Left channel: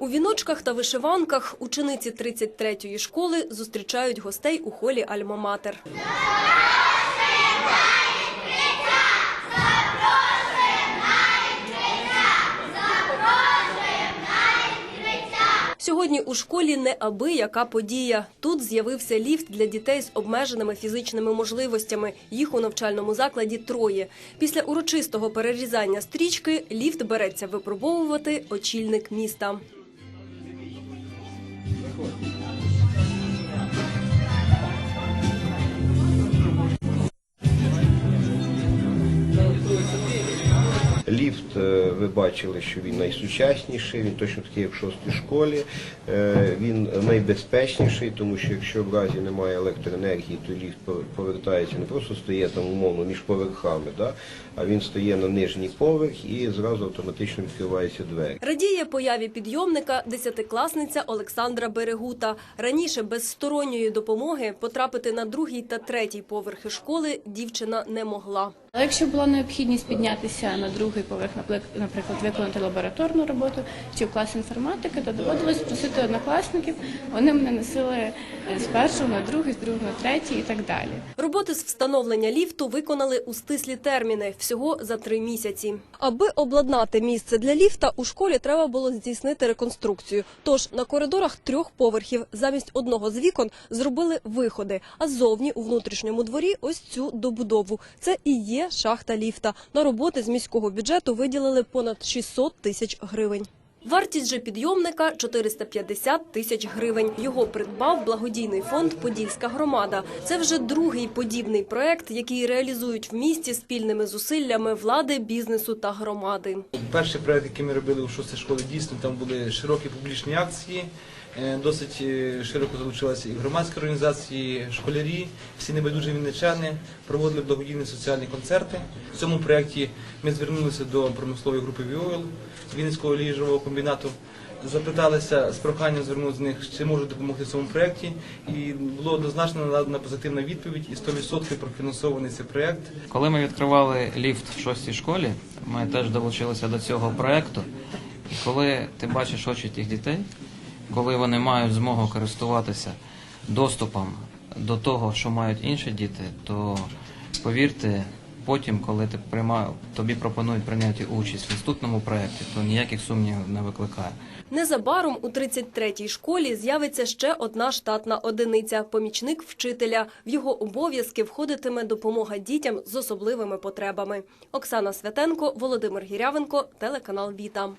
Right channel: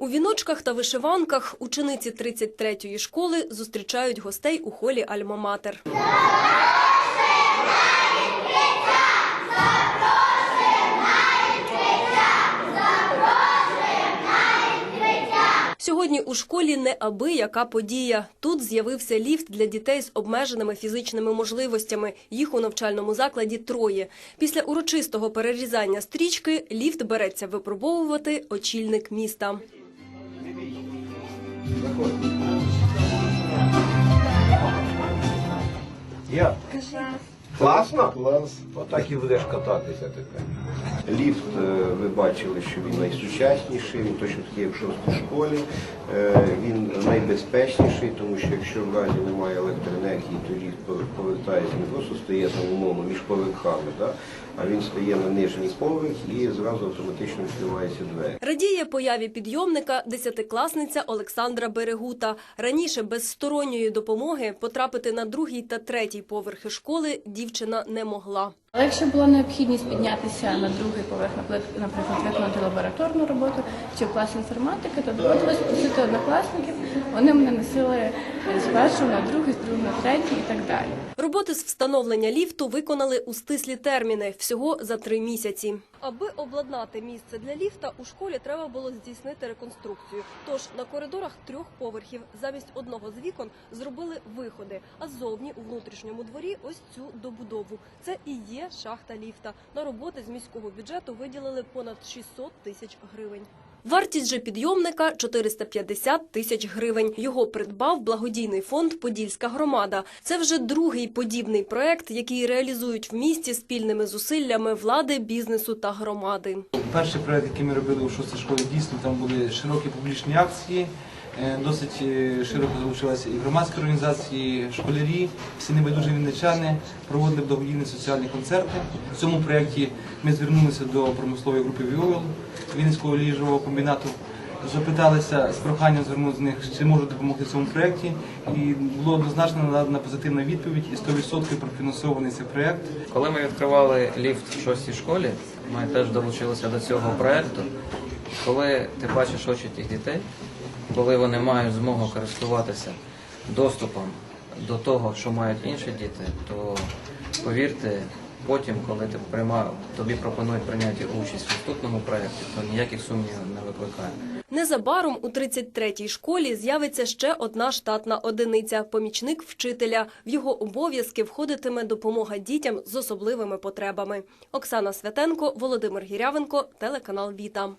У віночках та вишиванках учениці 33-ї школи зустрічають гостей у холі Альма-Матер. Сьогодні у школі не аби яка подія. Тут з'явився ліфт для дітей з обмеженими фізичними можливостями. Їх у навчальному закладі троє. Після урочистого перерізання стрічки ліфт береться випробовувати очільник міста. Як? Класно? Так і будеш кататися. Ліфт, е, ви бачили, що він найсучасніший, він точно такий, як в шостій школі. Е, Він найбезпечніший, тому що якщо в разі немає електроенергії, то ліфт повертається, не просто стає там умовно між поверхами, да? а він стає на нижній поверх і зразу автоматично відкриваються двері. Радіє появі підйомника десятикласниця Олександра Берегута. Раніше без сторонньої допомоги потрапити на другий та третій поверхи школи дівчина не могла. Але якщо була необхідність піднятися на другий поверх, наприклад, виконати лабораторну роботу чи в клас інформатики, то доводилось просити однокласників. Вони мене носили з першого на другий, з другого на третій і так далі. Роботи з встановлення ліфту виконали у стислі терміни всього за три місяці. Аби обладнати місце для ліфта, у школі треба було здійснити реконструкцію. Тож на коридорах трьох поверхів замість одного з вікон зробили виходи. А ззовні у внутрішньому дворі ось цю добудову. Це і є шахта ліфта. На роботи з міського бюджету виділили понад 600 тисяч гривень. Вартість же підйомника 450 тисяч гривень. Його придбав благодійний фонд Подільська громада. Це вже другий подібний проект, який реалізують в місті спільними зусиллями влади, бізнесу та громади. Перший проект, який ми робили у шостій школі, дійсно там були широкі публічні акції. Е, Досить е, широко залучилися і громадські організації, школярі, всі небайдужі вінничани проводили благодійні соціальні концерти. В цьому проєкті ми звернулися до промислової групи «Віол» Вінницького ліжового комбінату. Запиталися з проханням звернути з них, чи можуть допомогти цьому проєкті. І було однозначно надана позитивна відповідь і 100% профінансований цей проєкт. Коли ми відкривали ліфт в шостій школі, ми теж долучилися до цього проекту. Коли ти бачиш очі тих дітей, коли вони мають змогу користуватися доступом до того, що мають інші діти, то повірте, потім, коли ти прийма, тобі пропонують прийняти участь в наступному проєкті, то ніяких сумнівів не викликає. Незабаром у 33-й школі з'явиться ще одна штатна одиниця – помічник вчителя. В його обов'язки входитиме допомога дітям з особливими потребами. Оксана Святенко, Володимир Гірявенко, телеканал Віта.